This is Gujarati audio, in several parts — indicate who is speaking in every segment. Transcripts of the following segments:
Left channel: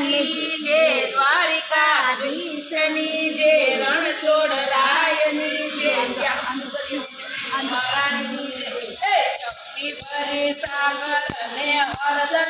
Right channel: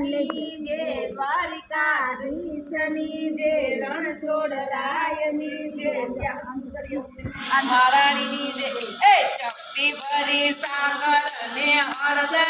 Speaker 1: રાજાની જે દ્વારિકાધીશની જે રણછોડ રાયની જે મહારાણીની જે શક્તિ ભરી સાગર ને હળદર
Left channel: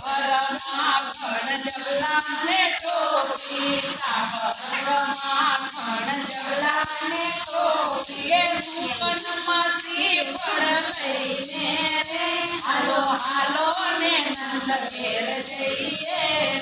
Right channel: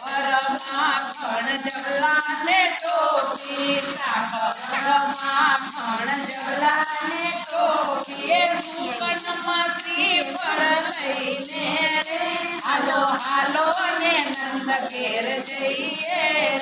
Speaker 1: ભણ જગલાને ટોપી સાખરમાં ભણ જગલાને ટોપી એ સુકનમાં શ્રીફળ લઈને રે. હાલો હાલો ને નંદ ઘેર જઈએ.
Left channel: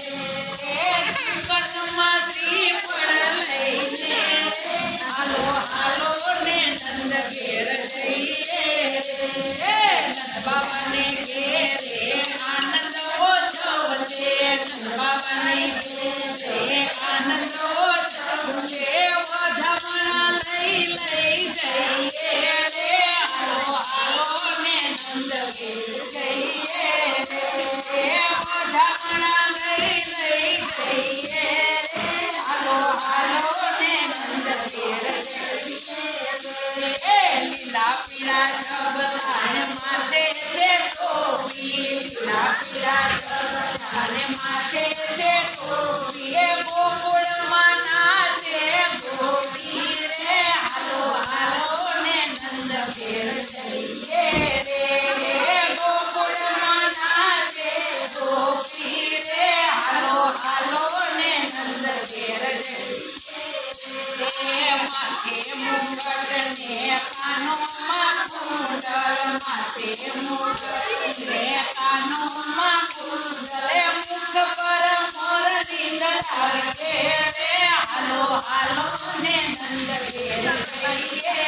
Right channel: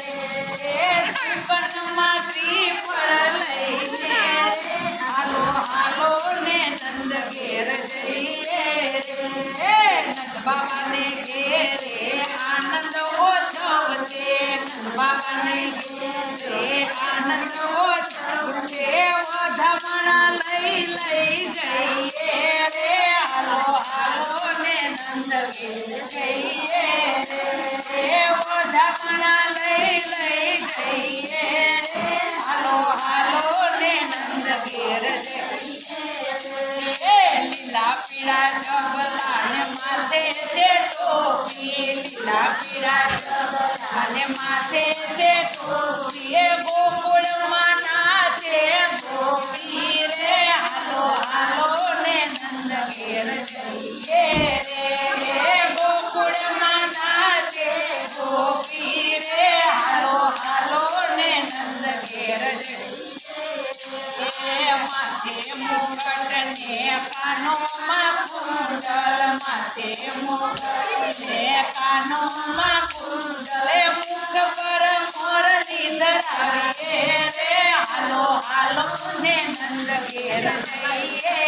Speaker 1: લઈ લઈ જઈએ રે હાલો હાલો ને નંદ ઘેર માથે છે ટોપી ગોકુળમાં છે ગોપી રે. હાલો હાલો ને નંદ ઘેર રે. ગોકુળમાં છે ગોપી રે. હાલો હાલો ને નંદ ઘેર જઈએ માથે મુકટ કુંડલ માથે મુકટ ને કાનોમાં કુંડલ એ મોર પર લાવીએ રે હાલો હાલો ને નંદ ઘેર જઈએ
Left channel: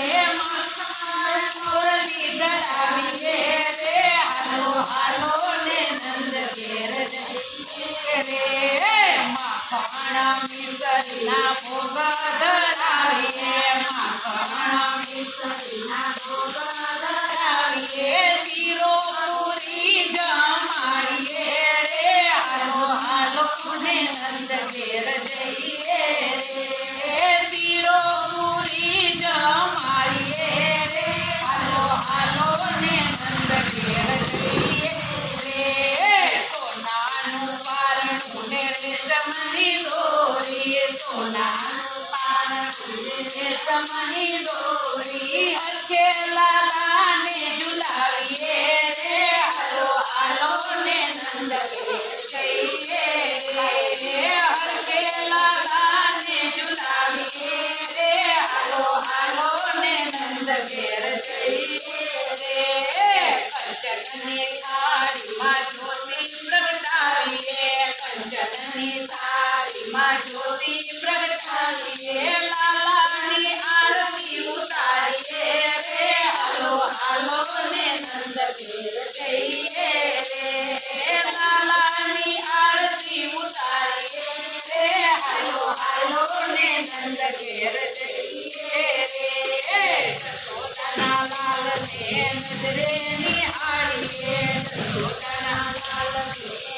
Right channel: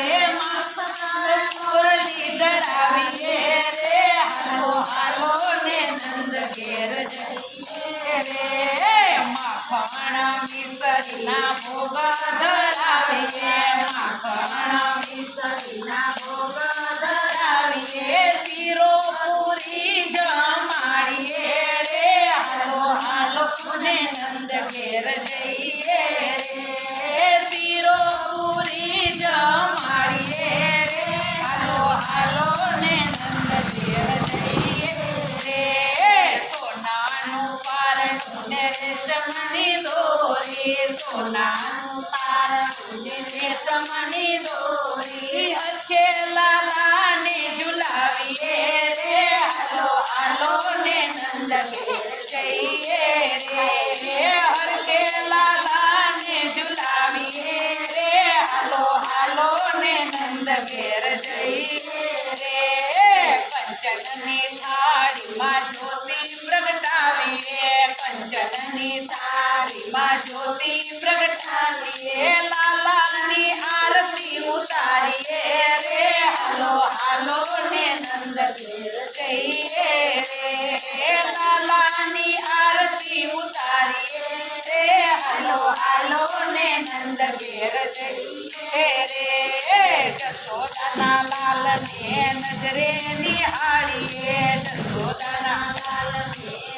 Speaker 1: રે માથ પર મોરની ધરાવીએ રે હાલો હાલો ને નંદ ઘેર જઈએ રે માખણ મિસરીના ભોગ ધરાવીએ માખણ મિસરીના ભોગ ધરાવીએ શીરો પૂરી જમાડીએ જ્યોતિ પ્રગટાવીએ, લાલાની આરતી ઉતારીએ રે, હાલો હાલો ને નંદ ઘેર જઈએ રે, લાલાની આરતી ઉતારીએ રે, હાલો હાલો ને નંદ ઘેર જઈએ રે, જશોદાના લાલને નજરે નિહાળીએ જશોદાના લાલને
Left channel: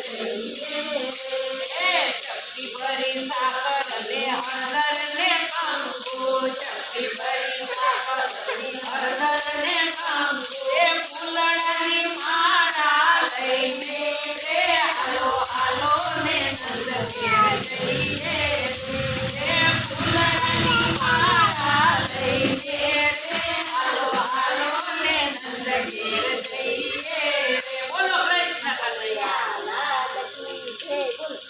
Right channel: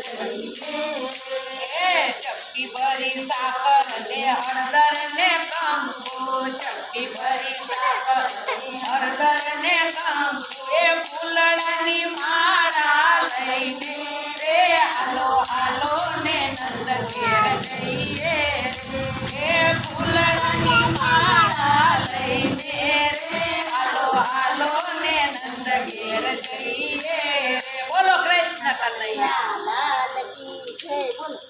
Speaker 1: ચપટી ભરી સાકર ને હળદર ને કંકુ ચપટી ભરી સાકર ને હળદર ને કંકુ એ ફૂલડાની માળા લઈને રે હાલો હાલો ને નંદ ઘેર જઈએ એ ફૂલડાની માળા લઈને રે હાલો હાલો ને નંદ ઘેર જઈએ બોલો કૃષ્ણ કનૈયા
Speaker 2: Oh.